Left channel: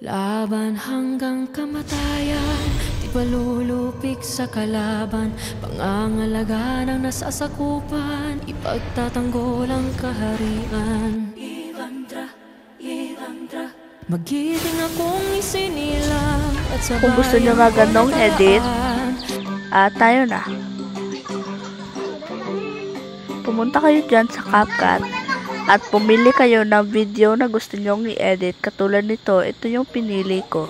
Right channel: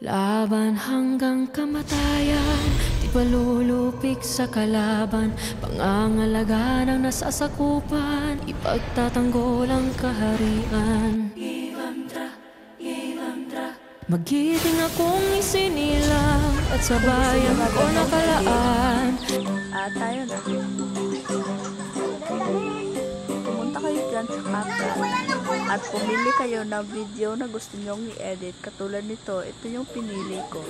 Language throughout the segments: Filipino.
Laban hanggang kamatayan, di palulupik sa kalaban. Pangangalaga ng nasasakupan, ipagtatanggol ang kaharian. Magiting akong isinilang at sa bayan ko nakalaan. Tayo na. Pumunta kayo dyan sa CapCut at pumili kayo ng video na gusto nyong i-edit. Katulad nito, ito yung pinili ko.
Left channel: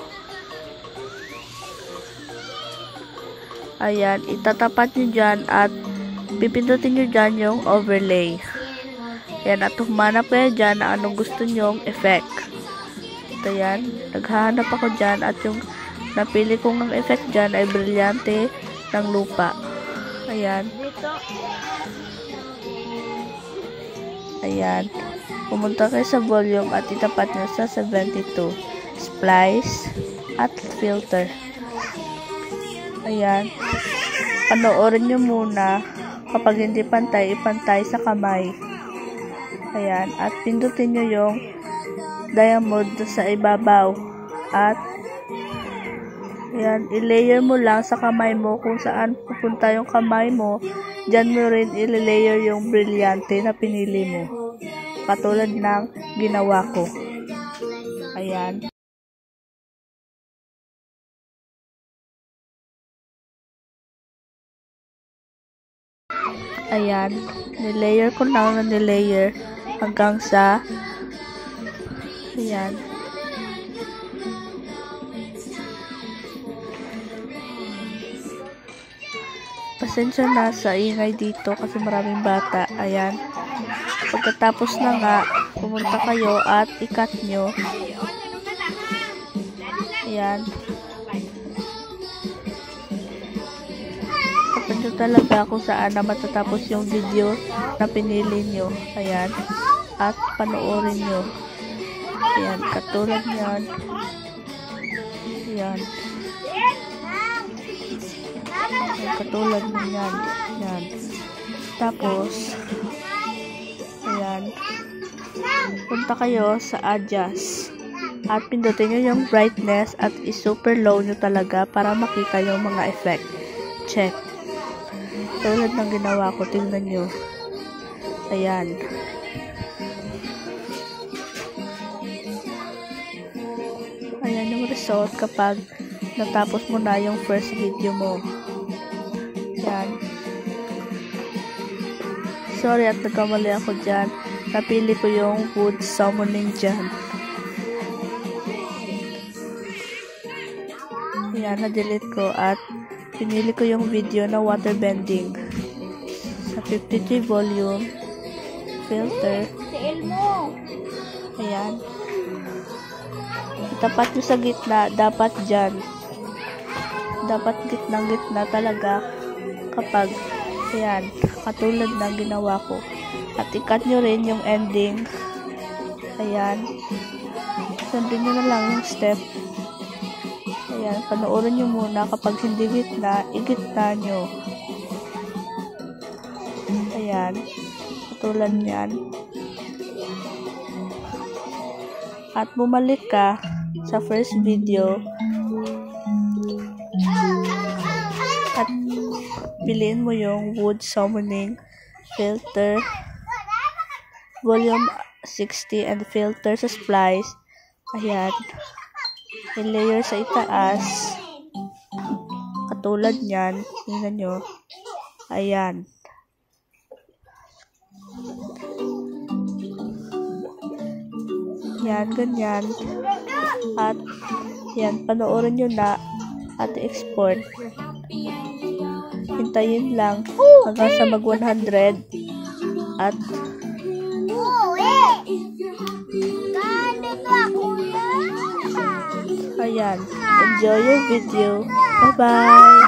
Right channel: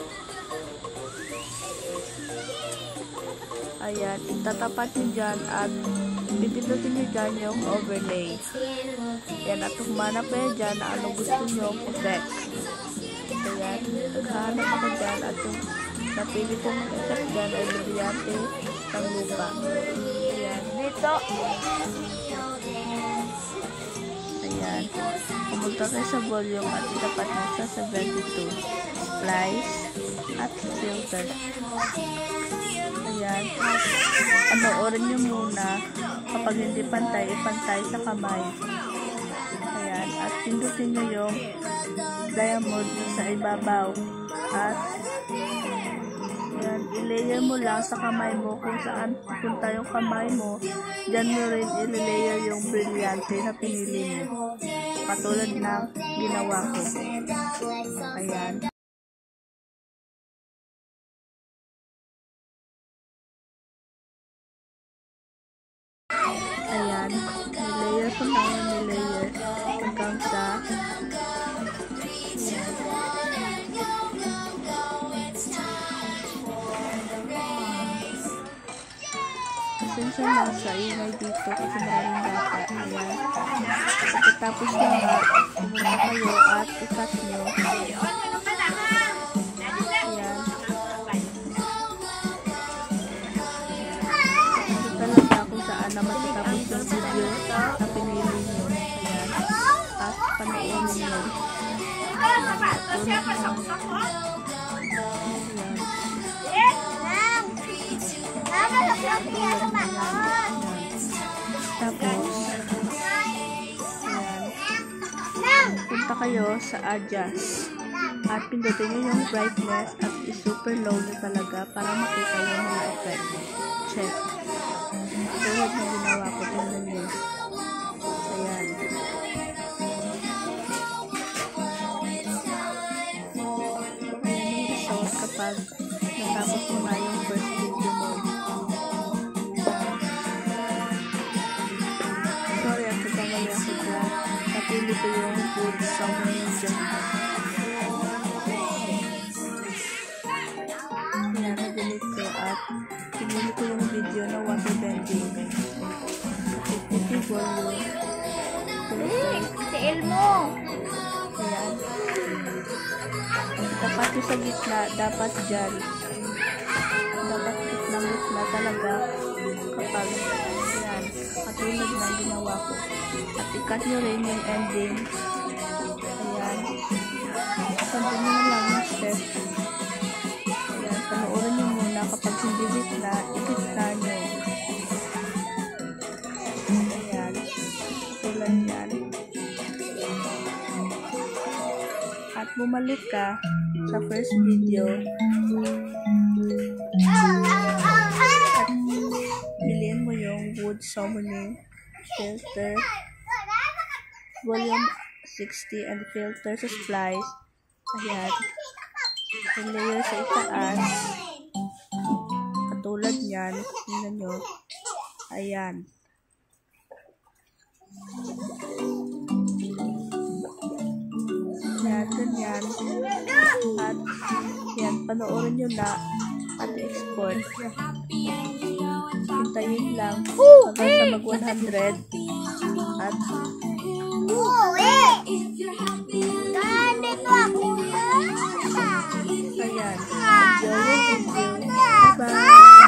Ayan, itatapat nyo dyan at pipindutin nyo dyan yung overlay. Ayan, at humanap kayo dyan na anong gusto nyong effect. Ito yan, naghahanap ako dyan at yung napili kong ng effect dyan ay brilyante ng lupa. Ayan. Ayan. Pumunta kayo sa volume at itapat nyo sa 72. Splice at filter. Ayan. Panoorin nyo muna. Kapag hindi pantay, ipantay sa kamay. Ayan. At pindutin nyo yung diamond sa ibabaw. At ayan, i-layer mo lang sa kamay mo kung saan pupunta yung kamay mo. Diyan mo rin i-layer yung brilyante na pinili mo. Katulad ng ginawa ko. Ayan. Ayan. Nilayer ko na nilayer hanggang sa ayan. Pasensya na sa ingay dito kasi maraming bata. Ayan. Pagkatapos na nga, pumunta kayo at i-cut nyo. Ayan. Papunta talaga kung saan na matatapos yung video na pinili nyo. Ayan. At panoorin nyo. Ayan. Katulad nyan. Ayan. Katulad nyan. Ayan. Tapos, ayan. Punta kayo sa adjust. At pindutin nyo yung brightness at i-super low nyo talaga para makita yung mga effect. Check. Tulad ng ginawa ko. Tingnan nyo. Ayan. Ayan yung result kapag natapos mo na yung first video mo. Ayan. Sorry at nagkamali ako dyan. Napili ko yung wood summoning dyan. Ayan, na-delete ko at pinili ko yung video na water bending. Sa 53 volume. Filter. Ayan. Tapat nyo sa gitna, dapat dyan. Dapat gitna talaga kapag ayan, katulad ng ginawa ko. At i-cut nyo rin yung ending. Ayan. Sundin nyo na lang yung step. Ayan, panoorin nyo muna. Kapag hindi gitna, i-gitna nyo. Ayan. Katulad yan. At bumalik ka sa first video. At piliin mo yung wood summoning filter volume 60 and filter sa splice. Ayan. I-layer sa itaas. Katulad nyan. Tingnan nyo. Ayan. Yan, ganyan. At yan, panoorin nyo na at export. Hintayin lang hanggang sa mag 100 at ayan, enjoy your video. Bye bye.